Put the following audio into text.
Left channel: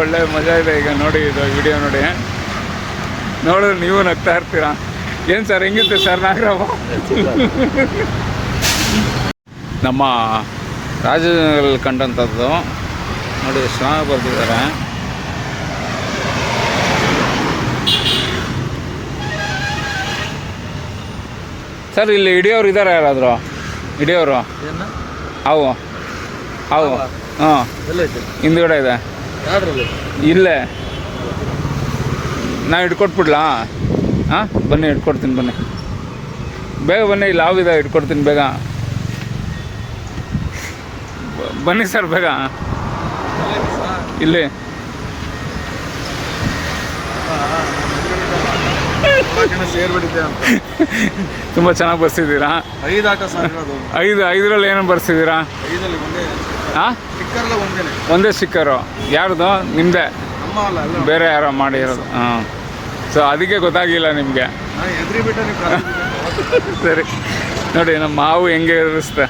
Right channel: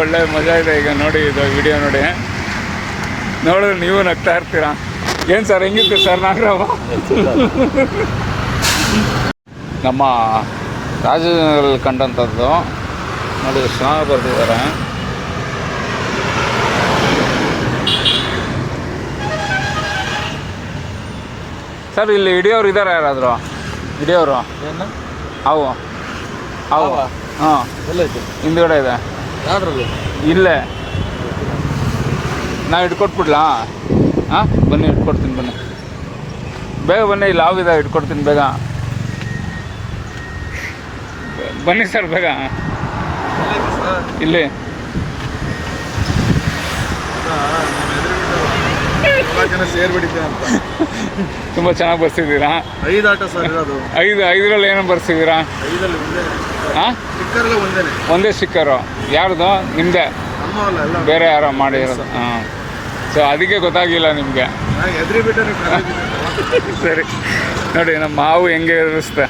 ಒಳ್ಳೆ ಮಜಾ ಇದೆ ಈಗ ನೋಡಿ, ಇದು ವಿಡಿಯೋ ನೋಡಿ ನೋಡಿದ್ರೆ ನೀವು ನಗ್ತಾ ಇರ್ತೀರಾ. ಏನು ಸರ್ ಹೆಂಗಿತ್ತು ಸರ್ ನಾಗರಾವ? ನಮ್ಮ ರಾಜನಲ್ಲಿ ಕಂಡಂಥದ್ದು ನೋಡಿ ಎಷ್ಟು ಚೆನ್ನಾಗಿ ಬರ್ತಿದ್ದಾರೆ. ಸರ್ ಇಲ್ಲಿ ಹಿಡಿಯೋರು ಇದ್ದಾರೆ ಯಾರಾದರೂ? ಹಿಡಿಯೋರು ಅವು ಅವು ಹಾಂ ಹಿಂದ್ಗಡೆ ಇದೆ. ಇಲ್ಲೇ ನಾ ಇಟ್ಕೊಟ್ಬಿಡ್ಲಾ? ಹಾಂ ಬನ್ನಿ ಇಟ್ಕೊಡ್ತೀನಿ, ಬನ್ನಿ ಬೇಗ ಬನ್ನಿ. ಇಲ್ಲಿ ಆಗಿದೆ, ಇಟ್ಕೊಡ್ತೀನಿ ಬೇಗ ಬನ್ನಿ ಸರ್ ಬೇಗ. ಇಲ್ಲಿ ತುಂಬ ಚೆನ್ನಾಗಿ ಬರ್ಸಿದ್ದೀರಾ. 5 ಆಟ ಸರ್ ಇರೋದು. 5 ಏನು ಬರ್ಸಿದ್ದೀರಾ? 5 ಹಾಂ ಒಂದೇ. ಒಂದೇ ಸ್ಟಿಕ್ಕರು. ಯಾರ್ದು? ನಿಮ್ಮದೇ? ಬೇರೆ ಯಾರೋ ಮಾಡಿರೋದು? ಹಾಂ. ಸೊ ಅದಕ್ಕೆ ಗೊತ್ತಾಗಿಲ್ಲ ನಿಮಗೆ. ಹೆದರಿ ಬಿಟ್ಟರೆ ಸರಿ ನೋಡಿ ನಮ್ಮ ಮಾವು ಹೆಂಗೆ ಇರಿಸ್ತೆ.